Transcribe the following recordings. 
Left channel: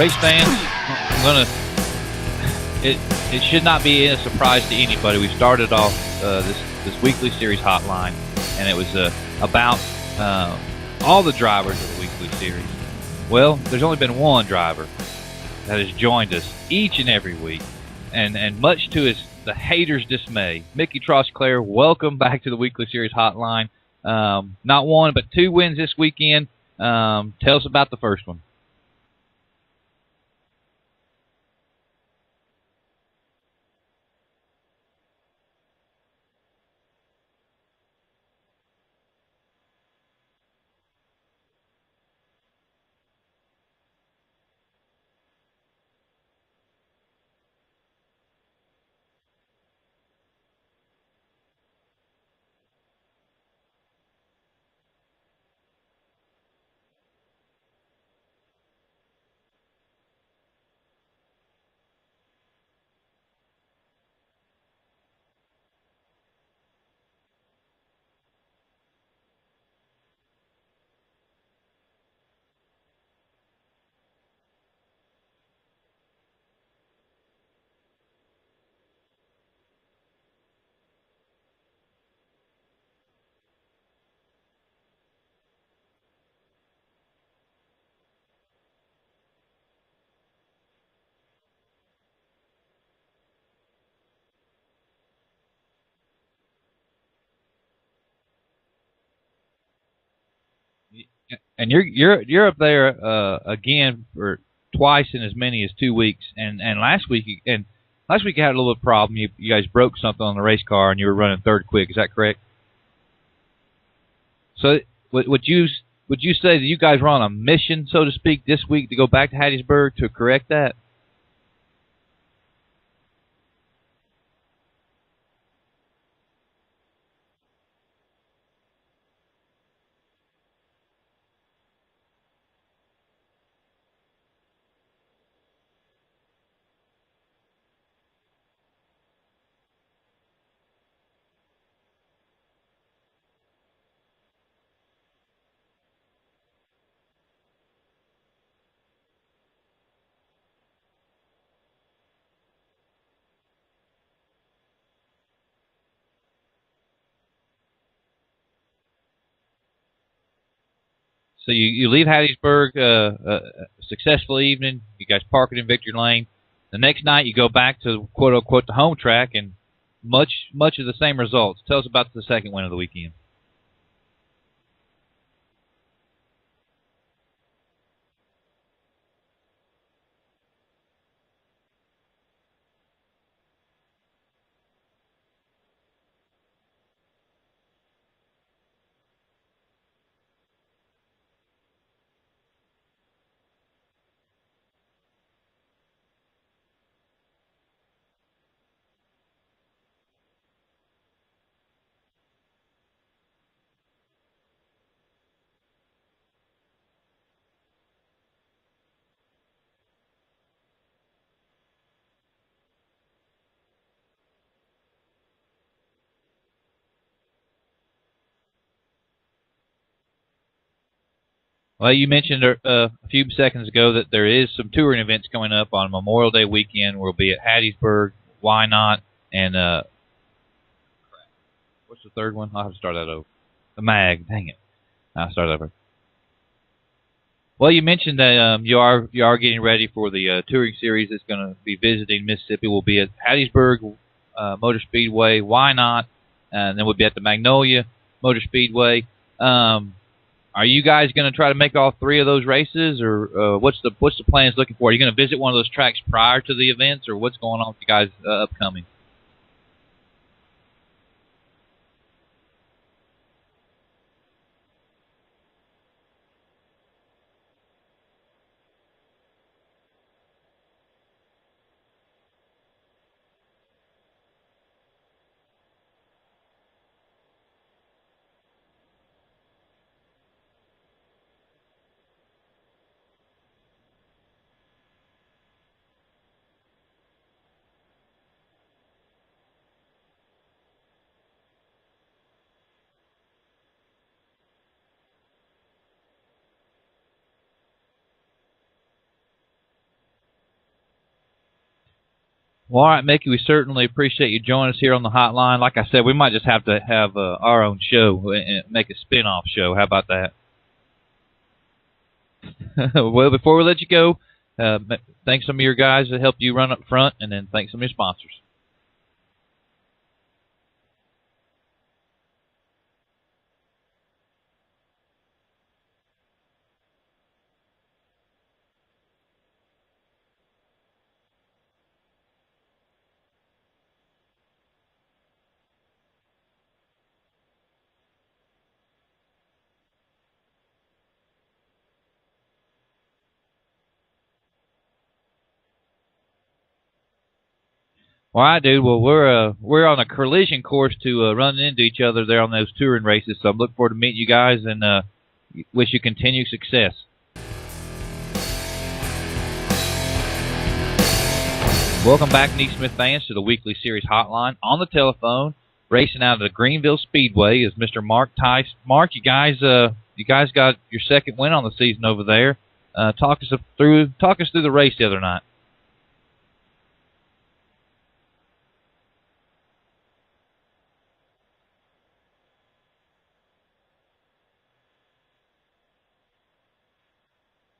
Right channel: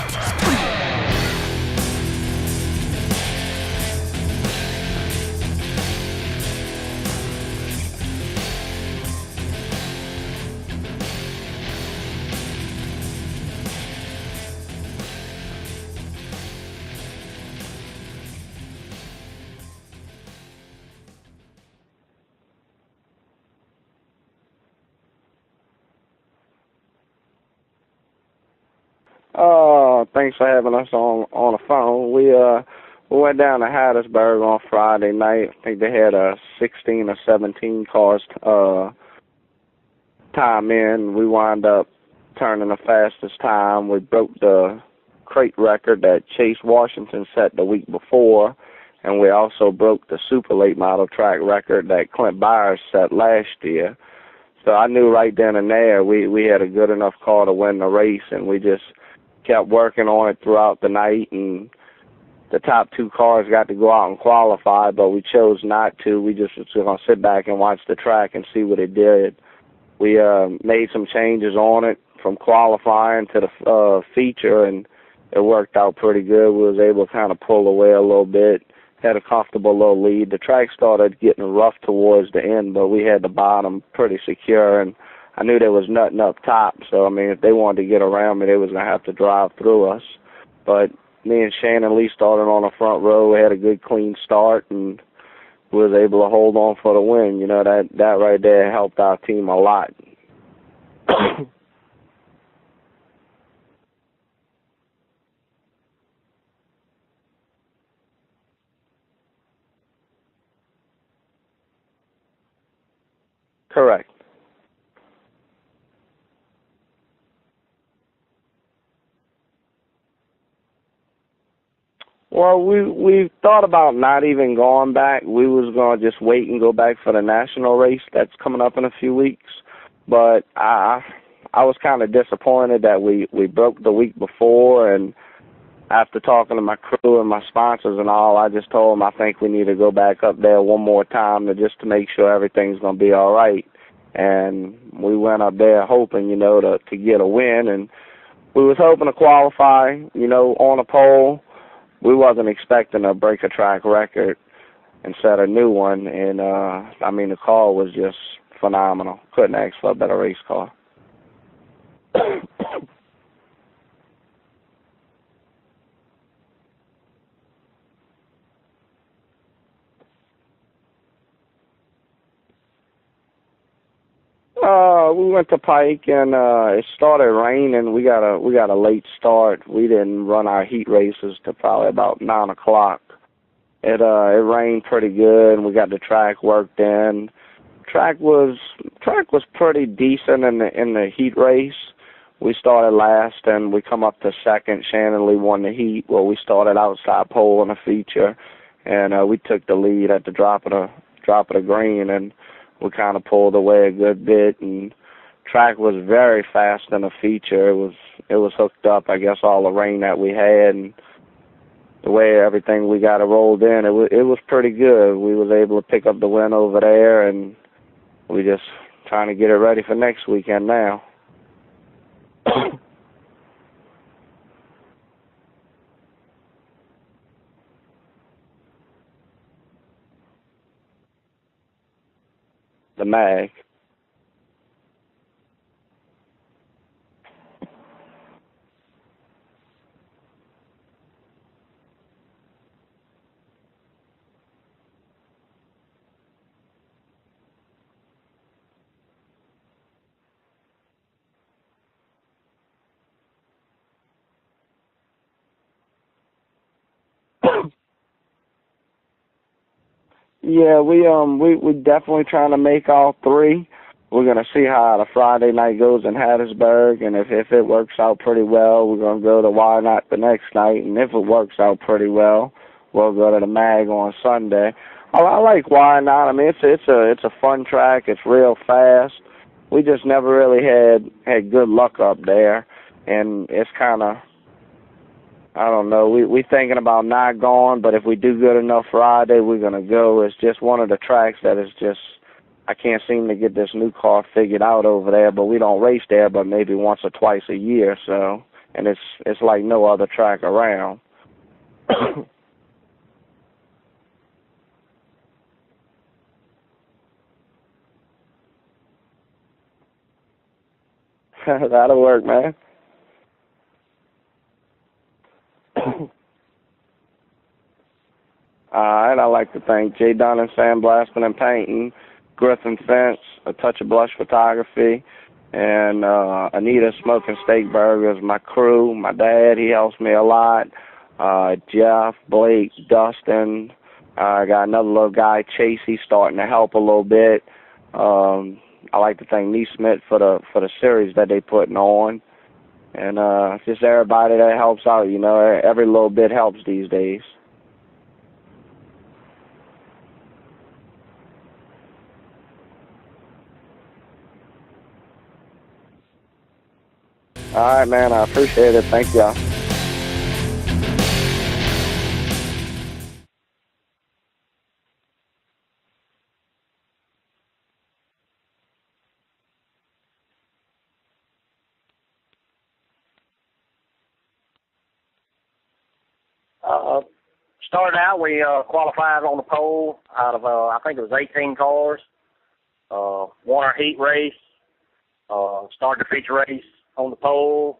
race fans, it should not be a surprise to anybody. We started off this weekly series hotline, and it was about all the drivers of the weekly series. Well, there's only been one driver that has joined us each and every week, and much to the haters' dismay. Mickey Trosclair, welcome back to the weekly series hotline. Not one, but two wins this weekend. Tell us about the first one. Thanks for having us on the phone. We went down to Hattiesburg on Friday night. I think they had 16 or 17 cars time in. We wound up turning the fastest time. We broke the crate record that Chase Washington set the week before, and we also broke the super late model track record that Clint Byers set last year. So I knew right then and there we had a good enough car to win the race, and we just kept working on it throughout the night, and the top two cars got to go out and qualify, but we chose not to. We just was going to sit back and watch the track and see what it did. We made some changes on it from qualifying to the feature, and it worked out pretty good. We was able to kind of pull away a little bit, had a comfortable little lead. The track started getting rough towards the end, but we had the bottom pretty secure, and I knew there was nothing up top. So, I mean, if they wanted to get around me, they was going to have to drive through us. But me and Shannon Lee started on the front row. We had a good, clean start, and was able to hold on for the win. You know, that right there helped our team a lot. And you're up there again for twice in as many as 2 weeks. And last week you had a little bit of problem. You guys broke something on the race car, and you were running third quick. Is that correct? Correct. So would you say that you guys were on a mission, so to speak, this week to go back to Hattiesburg to correct that? Well, we thought about not even going back. We was going to just wait and go back for the national race that's coming up in a few weeks. But I was kind of disappointed that we broke the week before, and after talking to my crew and my sponsors and all, I just told them I think we need to go back up there one more time just to make sure everything's going to be all right. And we went up there hoping, to get a win, and we was hoping to qualify, on a pole. We wasn't expecting to break a track record and set a new one, and the car was just phenomenal. Couldn't ask for a better race car. So you leave Hattiesburg, a successful evening. You guys park it in Victory Lane. The next night you go back to quote unquote the home track, and much of the same results. Tell us about the second win of the weekend. We went to Pike, and it started raining. We got a late start. We didn't run our heat races till probably about 9 o'clock. It rained pretty good, and we got the track worked in. Track was pretty decent in the heat race. We started last, and we come up to second. Shannon Lee won the heat. Well, we started outside pole in the feature, and we took the lead at the drop of the green, and we kind of pulled away a good bit. And track was very fast in the feature. It was hooked up, I guess, all the rain that we had, and the way everything we got it rolled in, it was pretty good. We was able to pick up the win over there, and we just trying to get it ready for next weekend now. Well, you mentioned a few seconds ago that there is some touring events coming up on Memorial Day weekend. We'll be at Hattiesburg, Why Not, and what's the third one? I'll have to start that over. MAG. The MAG. Dang it. I'll start over. Well, you mentioned that you are getting ready for the touring series that's going to be visiting Mississippi. We'll be at Hattiesburg Motor Speedway, Why Not, and then we'll be at the Magnolia Motor Speedway. Are you guys going to try to make all three of those races, or what's the plans looking for? Are you going to visit one of those tracks prior to the events, or what's going on with you guys upcoming? Yeah, we definitely trying to make all three. We're going to see how the Friday night goes in Hattiesburg, and if it works out pretty well, we're going to go to Why Not the next night, and if it works out pretty well, we'll go to the MAG on Sunday. I like Why Not. I mean, it's a fun track. It's real fast. We just never really had good luck up there, and it's kind of, I don't know, we thinking about not going, but if we do good enough Friday, we're going to go. It's just one of the tracks that is just, I can't seem to get this new car figured out over there, but we don't race there but maybe once or twice a year, so and it's like no other track around. Well, all right, Mickey, we certainly appreciate you joining us here on the hotline. Like I said, we might just have to have our own show and make a spin-off show. How about that? That'll work, man. Well, before we let you go, thank some of your guys that helped you run up front, and then thank some of your sponsors. All right, I'd like to thank J. Dunn and Sandblasting and Painting, Griffin Fence, A Touch of Blush Photography, and Anita Smoking Steak Burgers, my crew, my dad, he helps me a lot. Jeff, Blake, Dustin. I got another little guy, Chase. He's starting to help a little bit. I like to thank NeSmith for the series that they putting on, and just everybody that helps out. You know, every little bit helps these days. All right, dude. Well, we're on a collision course to run into each other there on those touring races. So I'm looking forward to meeting you guys and wish you continued success. All right, man. I appreciate it. Thank y'all. Welcome back, NeSmith fans, to the weekly series hotline. On the telephone, racing out of the Greenville Speedway, is Mr. Mark Tice. Mark, you guys got your second win on the season over there. Talk us through the race the other night. Started out, we qualified on the pole out of I think it was 18 cars. Won our heat race. Started the feature race on the pole.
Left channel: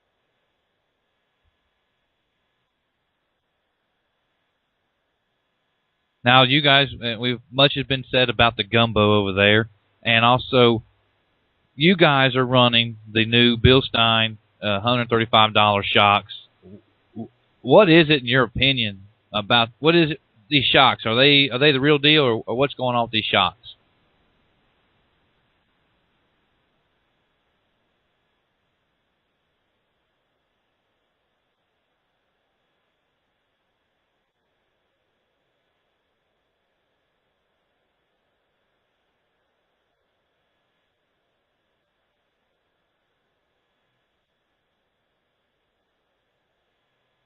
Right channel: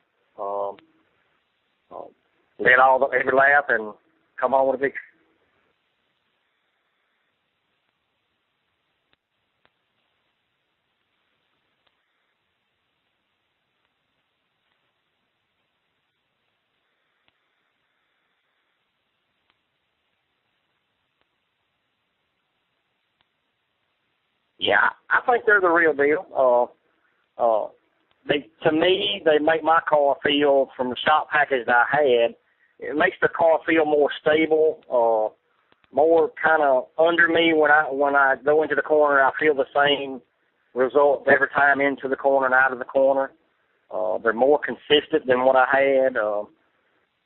Led every lap and come on with a victory. Now, you guys, much has been said about the gumbo over there, and also you guys are running the new Bill Stein $135 shocks. What is it, in your opinion, about these shocks? Are they the real deal, or what's going on with these shocks? Yeah, I think they're the real deal. To me, they make my car feel, from the shock package that I had, it makes the car feel more stable, more kind of under me when I go into the corner. I feel the same result every time into the corner and out of the corner. They're more consistent than what I had.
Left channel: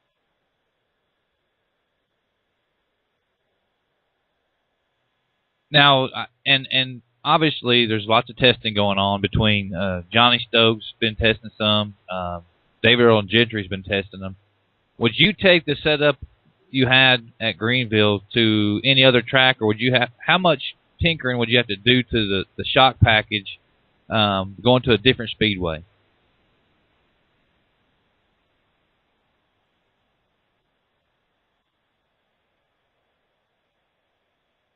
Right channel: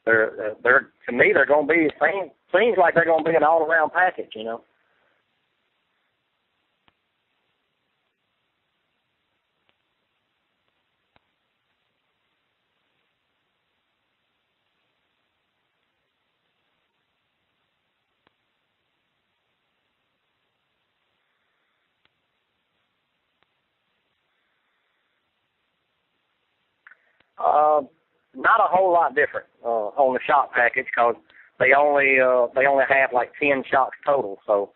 They're to me, they're going to be, seems like they're going to be an all-around package, you know. Now, and obviously there's lots of testing going on between Johnny Stokes been testing some, David Earl and Gentry's been testing them. Would you take the setup you had at Greenville to any other track, or would you how much tinkering would you have to do to the shock package going to a different speedway? Not a whole lot different on the shock package, because they only have like 10 shocks total. So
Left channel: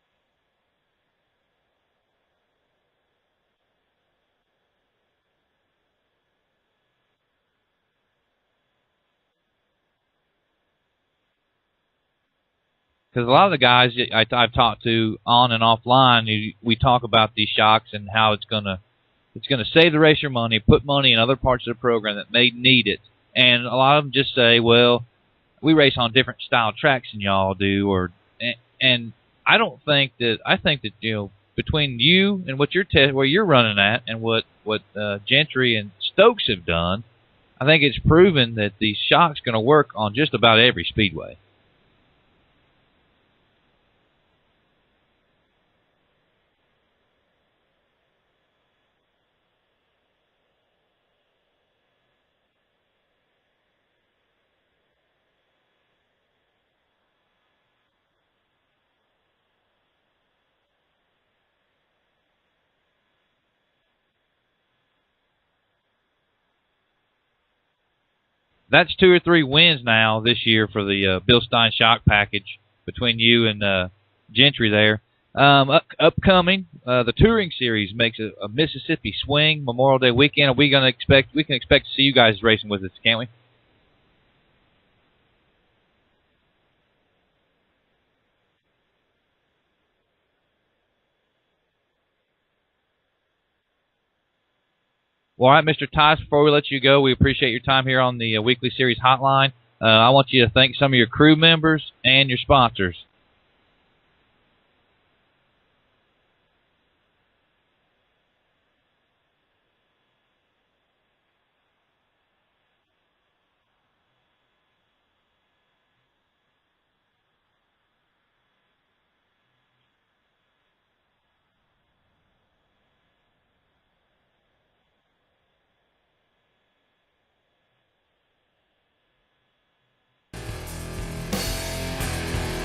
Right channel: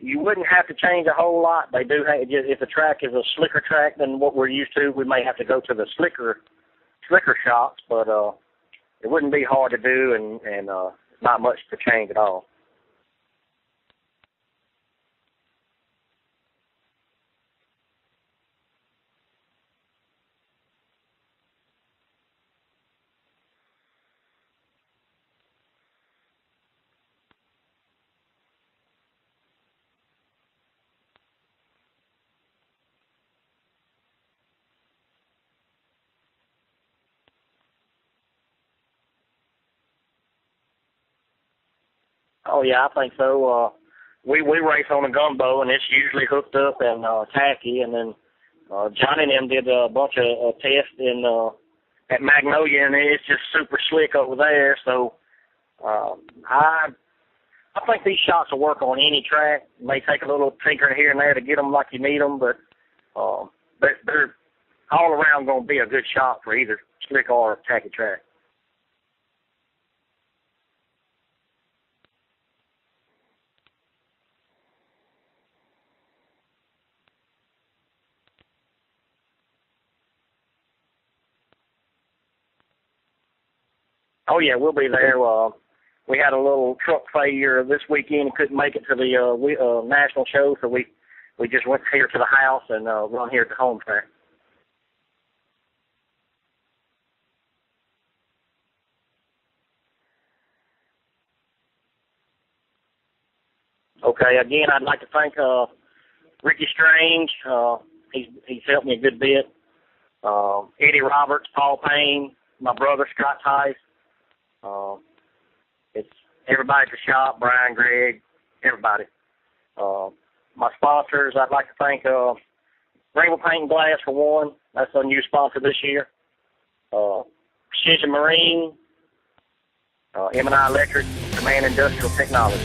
you wouldn't have to change a whole lot. They do have, if the track is a slicker track than what we're used to, we may have to go to the slicker shocks, but it wouldn't be hard to do, and not much to change at all. Because a lot of the guys I've talked to on and offline, we talk about these shocks and how it's gonna save the racer money, put money in other parts of the program that may need it, and a lot of them just say, well, we race on different style tracks than y'all do, and I think that you know, between you and what where you're running at, and what Gentry and Stokes have done, I think it's proven that these shocks going to work on just about every speedway. Oh yeah, I think so. We race on a gumbo, and it's usually hooked up and tacky, and then Johnny and them did a bunch of tests at Magnolia, and it's just super slick over there. So I think these shocks will work on any track. It may take a little tinkering here and there to get them like you need them, but they're all around going to be a good shock for either slick or tacky track. That's 2 or 3 wins now this year for the Bill Stein shock package between you and Gentry there. Upcoming, the touring series makes a Mississippi Swing Memorial Day weekend. We can expect to see you guys racing with us, can't we? Oh yeah, we'll be there. We had a little truck failure this weekend and couldn't make it to the national show, so we just went here to the house and run here at the home track. Well, all right, Mr. Tice, before we let you go, we appreciate your time here on the Weekly Series Hotline. I want you to thank some of your crew members and your sponsors. Okay, again, I'd like to thank Ricky Strange. He's helped me a good bit. Eddie Roberts, Paul Payne, my brother Scott Tice. It's everybody at the shop, Brian, Greg, everybody. My sponsors, I'd like to thank Greenville Paint and Glass for one. That's a new sponsor this year. Precision Marine, M&I Electric, Command Industrial Technology.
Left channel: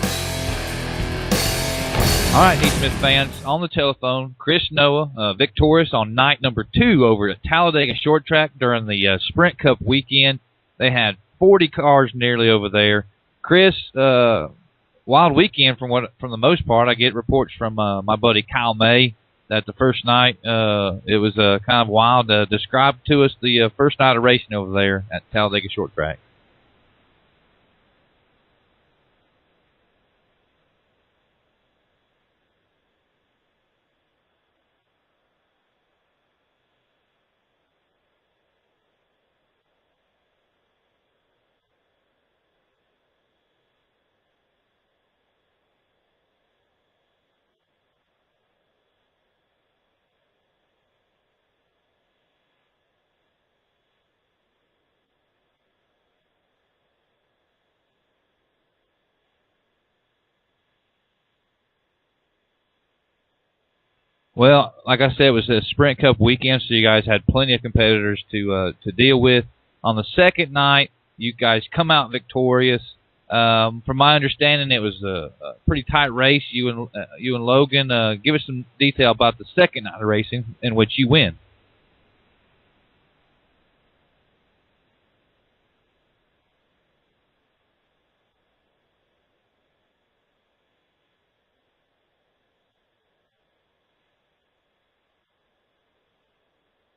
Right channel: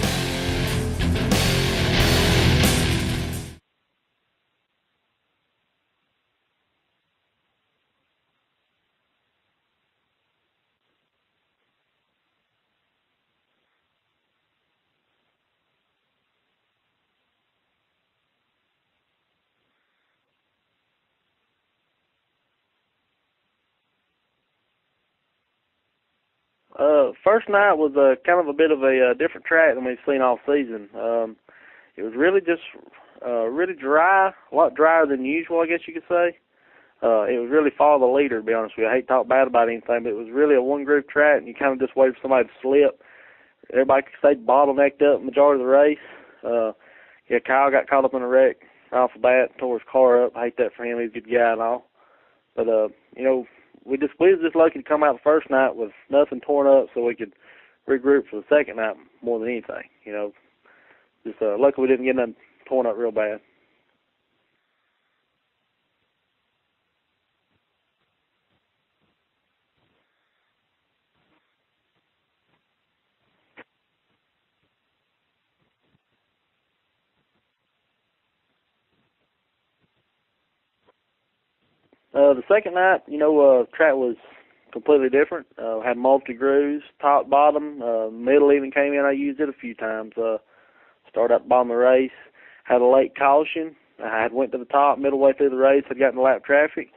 All right, NeSmith fans, on the telephone, Chris Noah, victorious on night number 2 over at Talladega Short Track during the Sprint Cup weekend. They had 40 cars nearly over there. Chris, wild weekend from the most part. I get reports from my buddy Kyle May that the first night it was kind of wild. Describe to us the first night of racing over there at Talladega Short Track. First night was kind of a bit of a different track than we've seen all season. It was really just really dry, a lot drier than usual, I guess you could say. It was really follow the leader, to be honest with you. I hate to talk bad about anything, but it was really a one-groove track, and you kind of just wait for somebody to slip. Everybody could stay bottlenecked up the majority of the race. Kyle got caught up in a wreck off the bat, tore his car up. I hate that for him. He's a good guy and all. But, we was just lucky to come out the first night with nothing torn up so we could regroup for the second night more than anything, Just lucky we didn't get nothing torn up real bad. Well, like I said, it was a Sprint Cup weekend, so you guys had plenty of competitors to deal with. On the second night, you guys come out victorious. From my understanding, it was a pretty tight race. You and Logan, give us some detail about the second night of racing in which you win. The second night, track was completely different. Had multi-grooves, top, bottom, middle even came in. I used it a few times. Started at the bottom of the race. Had a late caution. I had went to the top middle way through the race. Had gotten lap traffic,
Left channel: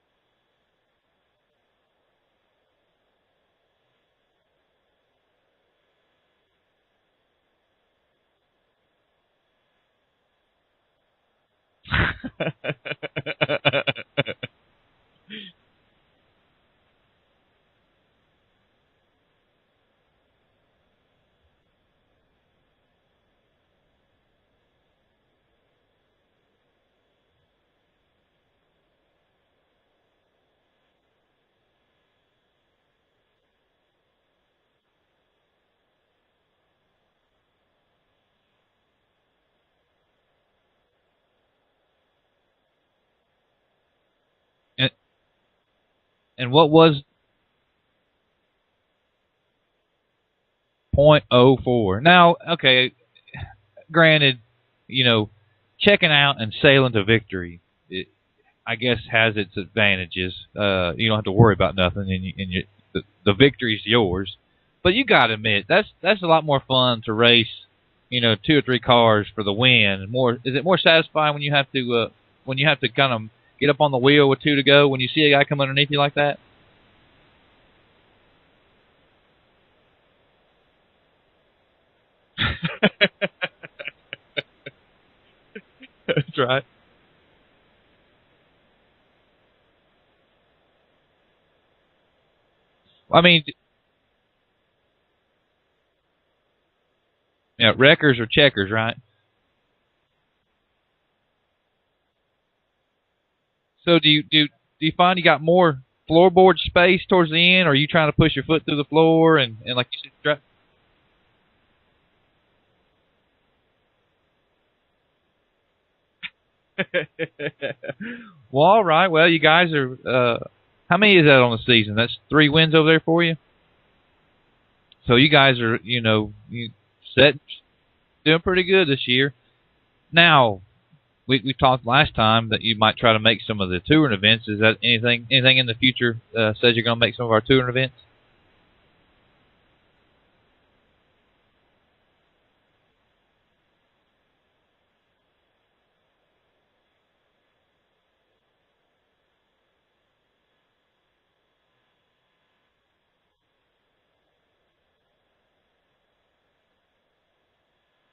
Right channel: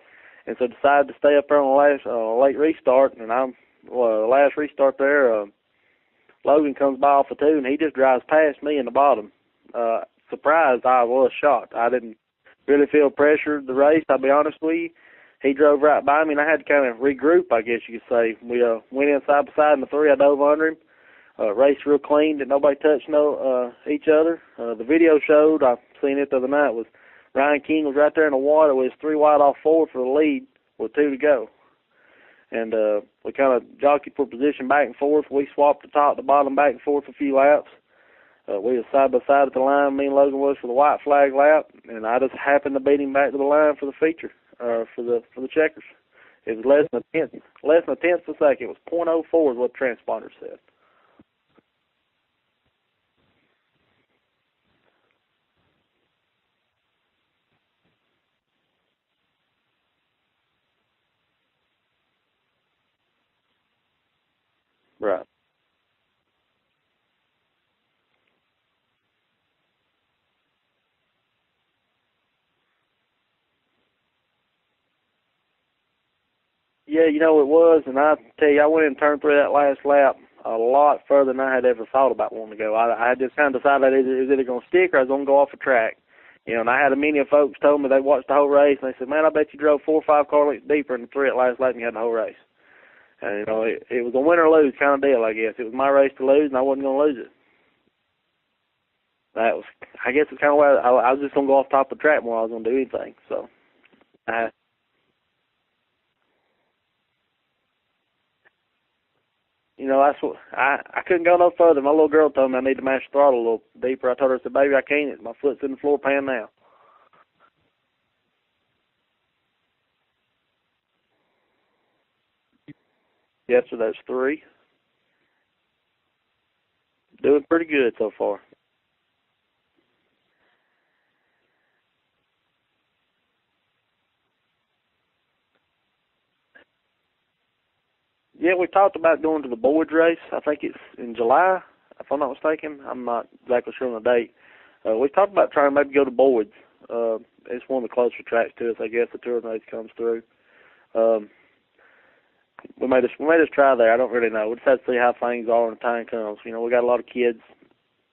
and so decided to stay up there on the last late restart. And the last restart there, Logan comes by off the 2, and he just drives past me in the bottom. Surprised, I was shocked. I didn't really feel pressure in the race, I'll be honest with you. He drove right by me, and I had to kind of regroup, I guess you could say. We went in side by side in the 3. I dove under him. Raced real clean, that nobody touched each other. The video showed, I've seen it the other night, was Ryan King was right there in the water with his 3 wide off forward for the lead with 2 to go. And we kind of jockeyed for position back and forth. We swapped the top to bottom back and forth a few laps. We were side by side at the line, me and Logan was for the white flag lap, and I just happened to beat him back to the line for the feature, for the checkers. And what was less than a tenth of a second? It was .04 is what the transponder said. .04. Now, okay, granted, checking out and sailing to victory, I guess, has its advantages. You don't have to worry about nothing, and the victory's yours. But you got to admit, that's a lot more fun to race, 2 or 3 cars for the win. Is it more satisfying when you have to kind of get up on the wheel with 2 to go when you see a guy come underneath you like that? Yeah, it was, and I tell you, I went in turn 3 that last lap a lot further than I had ever thought about wanting to go. I just kind of decided it was either going to stick or I was going to go off the track. That's right. And I had many of folks told me they watched the whole race, and they said, man, I bet you drove 4 or 5 car lengths deeper in the 3 at last lap and you had the whole race. I mean, it was a win or lose kind of deal, I guess. It was my race to lose, and I wasn't going to lose it. Yeah, wreckers or checkers, right? I guess it's kind of where I was just going to go off top of the track more than I was going to do anything. So do you find you got more floorboard space towards the end, or are you trying to push your foot through the floor and like? That's what I couldn't go no further. My little girl told me I need to mash the throttle a little deeper. I told her, I said, baby, I can't. My foot's in the floor pan now. Well, all right. Well, you guys are. How many is that on the season? That's 3 wins over there for you. Yes, sir. That's 3. So you guys are, doing pretty good so far. Doing pretty good this year. Now, we talked last time that you might try to make some of the touring events. Is that anything in the future says you're going to make some of our touring events? Yeah, we talked about going to the Boards race. I think it's in July, if I'm not mistaken. I'm not exactly sure on the date. We talked about trying to maybe go to Boards. It's one of the closer tracks to us, I guess. The touring race comes through. We may just try there. I don't really know. We just have to see how things are when the time comes. We got a lot of kids.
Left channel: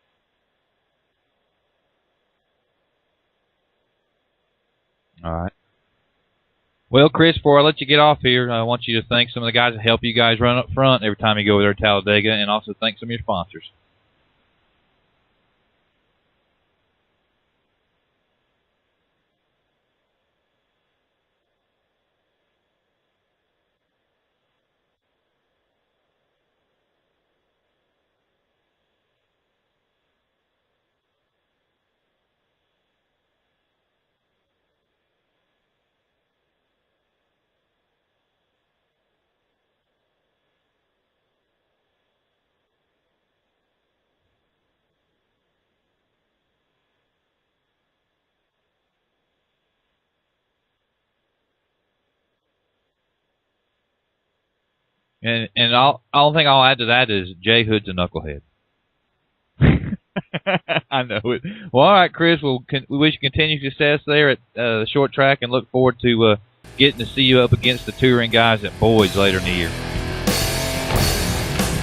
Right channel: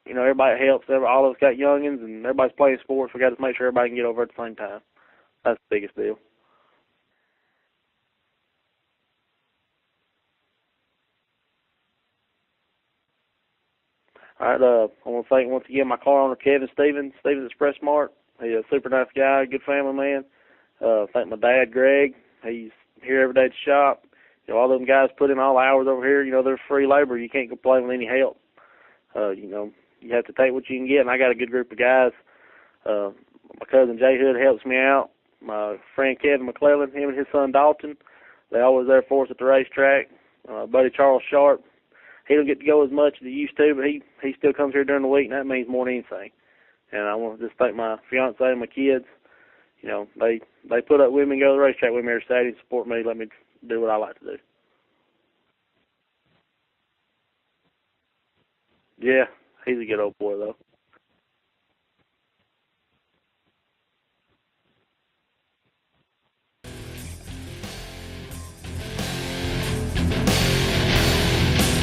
Everybody helps. All of us got youngins, and everybody's playing sports. We got to make sure everybody can get over at the same time. All right. That's the biggest deal. Well, Chris, before I let you get off here, I want you to thank some of the guys that help you guys run up front every time you go over there to Talladega, and also thank some of your sponsors. All right. I want to thank once again my car owner, Kevin Stevens Express Mart. He's a super nice guy, good family man. Thank my dad, Greg. He's here every day at the shop. All them guys put in all the hours over here. They're free labor. You can't complain with any help. You have to take what you can get, and I got a good group of guys. My cousin Jay Hood helps me out. My friend Kevin McClellan, him and his son Dalton, they always there for us at the racetrack. Buddy Charles Sharp, he don't get to go as much as he used to, but he still comes here during the week, and that means more than anything. And I want to just thank my fiance and my kids. You know, they put up with me and go to the racetrack with me every Saturday and support me, let me do what I like to do. And all thing I'll add to that is Jay Hood's a knucklehead. Yeah, he's a good old boy, though. I know it. Well, all right, Chris, we wish you continued success there at the short track and look forward to getting to see you up against the touring guys at Boyd's later in the year.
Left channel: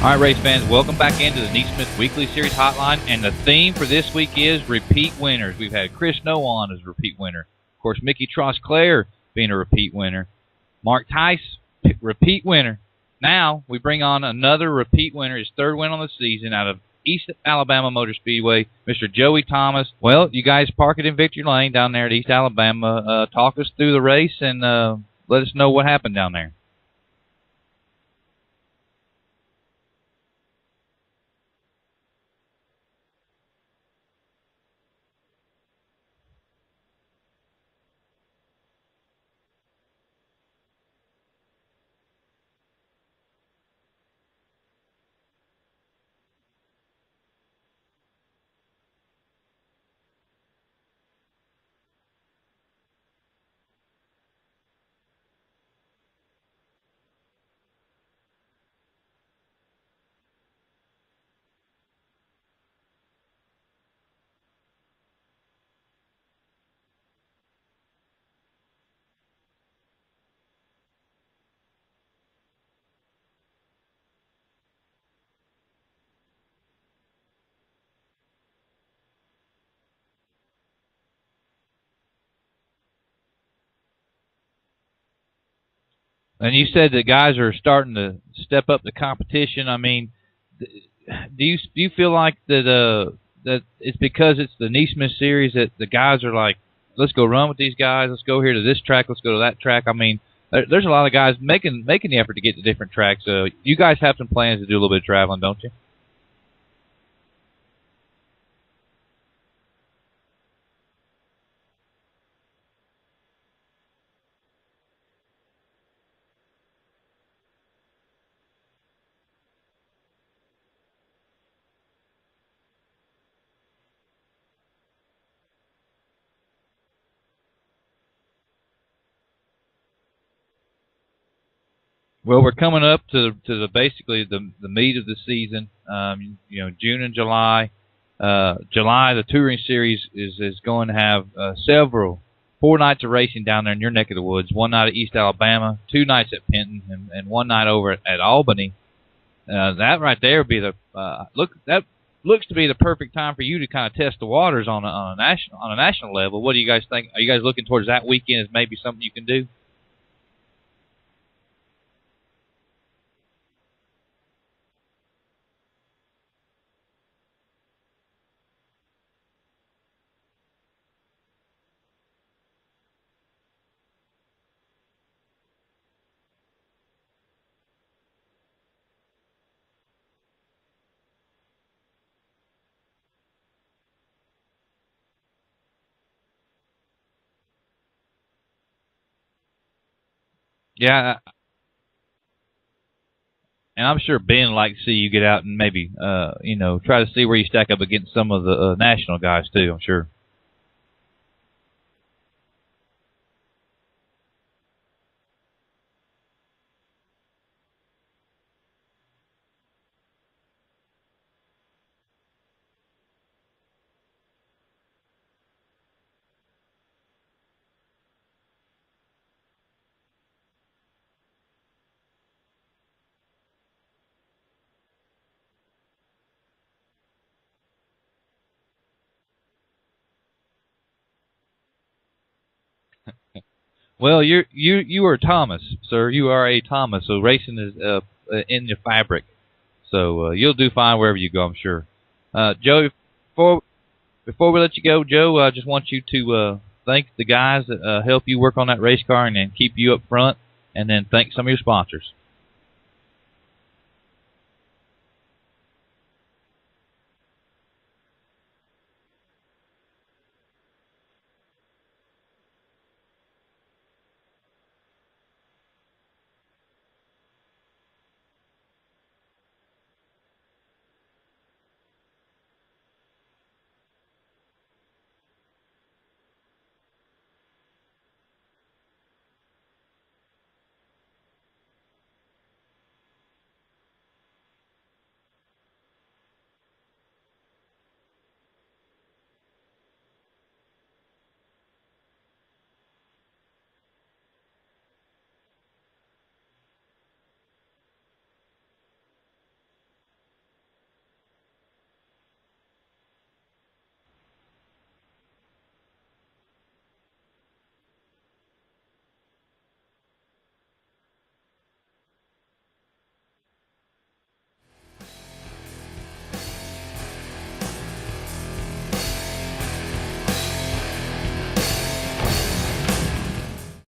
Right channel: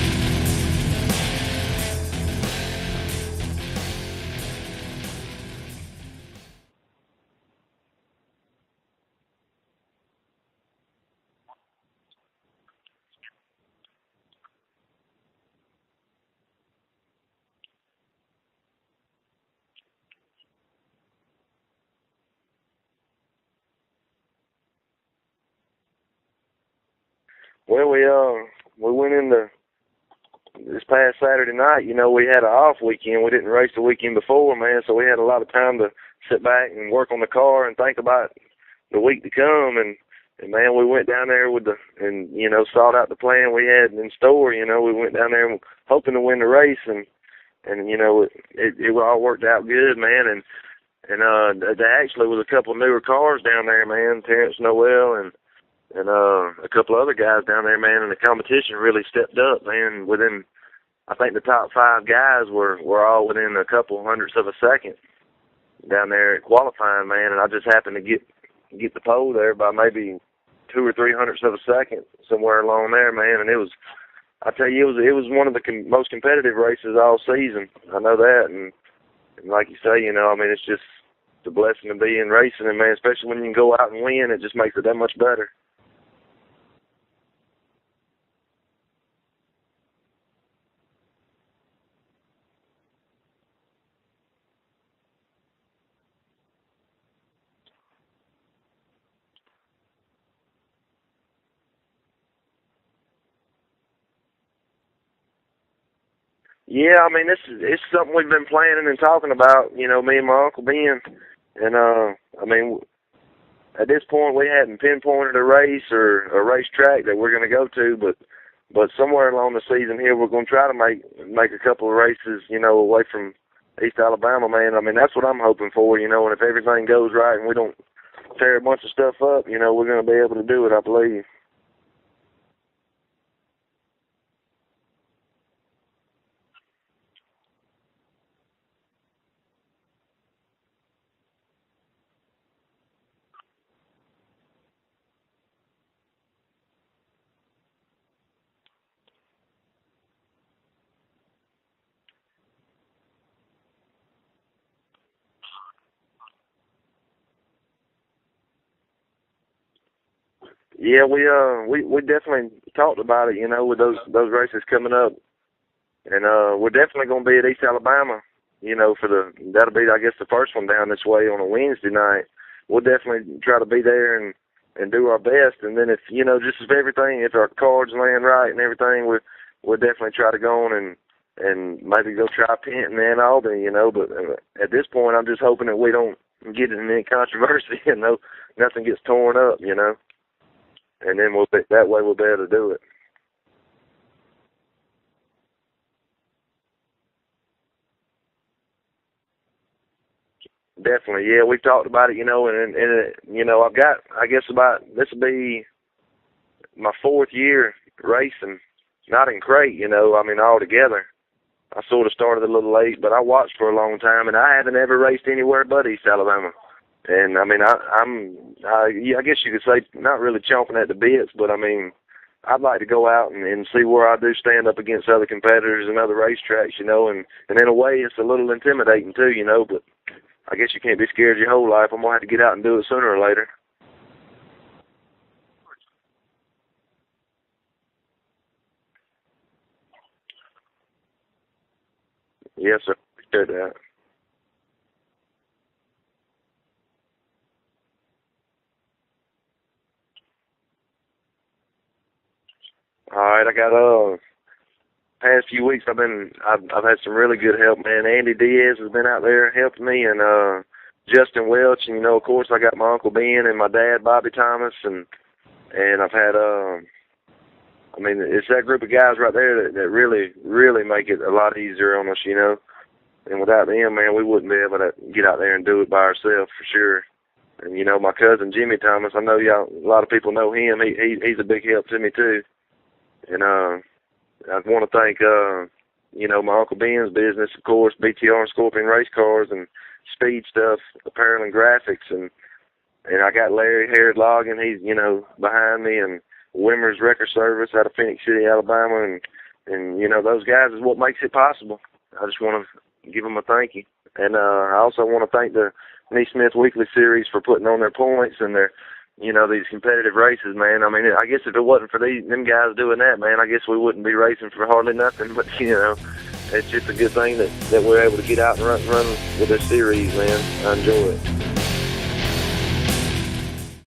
All right, race fans, welcome back into the NeSmith Weekly Series Hotline, and the theme for this week is repeat winners. We've had Chris Noon as a repeat winner. Of course, Mickey Trosclair being a repeat winner. Mark Tice, repeat winner. Now we bring on another repeat winner, his third win on the season out of East Alabama Motor Speedway, Mr. Joey Thomas. Well, you guys park it in Victory Lane down there at East Alabama. Talk us through the race and let us know what happened down there. Well, we went into this past Saturday night. You know, we had an off weekend. We didn't race the weekend before, man, so we had a lot of time to sit back and work on the car and think about the week to come. And man, we went down there and you know, sought out the plan we had in store. You know, we went down there hoping to win the race, and you know, it all worked out good, man. And there actually was a couple of newer cars down there, man. Terrence Noel and a couple of other guys down there, man. And the competition really stepped up, man. I think the top 5 guys were all within a couple hundredths of a second down there at qualifying, man. And I just happened to get the pole there by maybe 200 or 300 of a second, somewhere along there, man. And I tell you, it was one of the most competitive races all season. I know that, and like you say, you know, I mean, it's just a blessing to be in racing, and man, especially when you can go out and win, it just makes it that much better. And you said the guys are starting to step up the competition. I mean, do you feel like that it's because it's the NeSmith series that the guys are like, let's go run with these guys, let's go here to this track, let's go to that track? I mean, there's a lot of guys making the effort to get to different tracks. You guys have some plans to do a little bit of traveling, don't you? Yeah, I mean, it's something we've been planning and talking about, you know, me and my Uncle Ben. And, I mean, at this point we hadn't pinpointed a race or a racetrack that we're going to go to, but somewhere along the season here we're going to try to make a couple of races, you know, away from East Alabama, man. I mean, that's what I'm hoping for, you know, and if everything goes right and we don't tear a bunch of stuff up, you know, we're going to be able to do it, I believe. Well, we're coming up to basically the meat of the season. You know, June and July. July, the touring series is going to have 4 nights of racing down there in your neck of the woods. 1 night at East Alabama, 2 nights at Penton, and 1 night over at Albany. That right there would be that looks to be the perfect time for you to kind of test the waters on a national level. What do you guys think? Are you guys looking towards that weekend as maybe something you can do? Yeah, we definitely talked about it, you know, with those races coming up, and we're definitely going to be at East Alabama, you know, that'll be, I guess, the first one down this way on a Wednesday night. We'll definitely try to be there and do our best, and then if, you know, just if our cards land right and everything, we'll definitely try to go on and maybe go try Penton and Albany, you know. But at this point, I'm just hoping that we don't get in any controversy, you know, nothing gets torn up, you know. Yeah. And then that way we'll be able to do it. And I'm sure Ben would like to see you get out and maybe, you know, try to see where you stack up against some of the national guys too, I'm sure. Definitely, yeah. We've talked about it, you know, and you know, this will be my 4th year racing, not in crate, you know, I mean, all together. I sort of started a little late, but I watched for a long time, and I haven't ever raced anywhere but East Alabama. And, I mean, I guess you could say not really chomping at the bits, but, I mean, I'd like to go out and see where I do stand up against other competitors and other racetracks, you know, and in a way it's a little intimidating too, you know, but I guess you can't be scared your whole life. I'm going to have to get out and do it sooner or later. Well, you are Thomas, sir. You are a Thomas, so racing is in your fabric. So you'll do fine wherever you go, I'm sure. Joe, before we let you go, Joe, I just want you to thank the guys that help you work on that race car and then keep you up front, and then thank some of your sponsors. All right, I got past few weeks I've had some really good help, man. Andy Diaz has been out there helping me, and Justin Welch, and you know, of course, I got my Uncle Ben and my dad Bobby Thomas, and and I've had I mean, it's that group of guys right there that really, really make it a lot easier on us, you know. And without them, man, we wouldn't be able to get out there and do it by ourselves for sure. And, you know, my cousin Jimmy Thomas, I know y'all, a lot of people know him. He's a big help to me, too. And I want to thank, you know, my Uncle Ben's business, of course, BTR and Scorpion Race Cars and Speed Stuff, Apparel and Graphics. And I got Larry Harrod Logging, he's, you know, behind me, and Wimmer's Record Service out of Phoenix City, Alabama. And you know, those guys is what makes it possible. I just want to give them a thank you. And I also want to thank the NeSmith Weekly Series for putting on their points and their, you know, these competitive races, man. I mean, I guess if it wasn't for them guys doing that, man, I guess we wouldn't be racing for hardly nothing. But, you know, it's just a good thing that we're able to get out and run with this series, man. I enjoy it.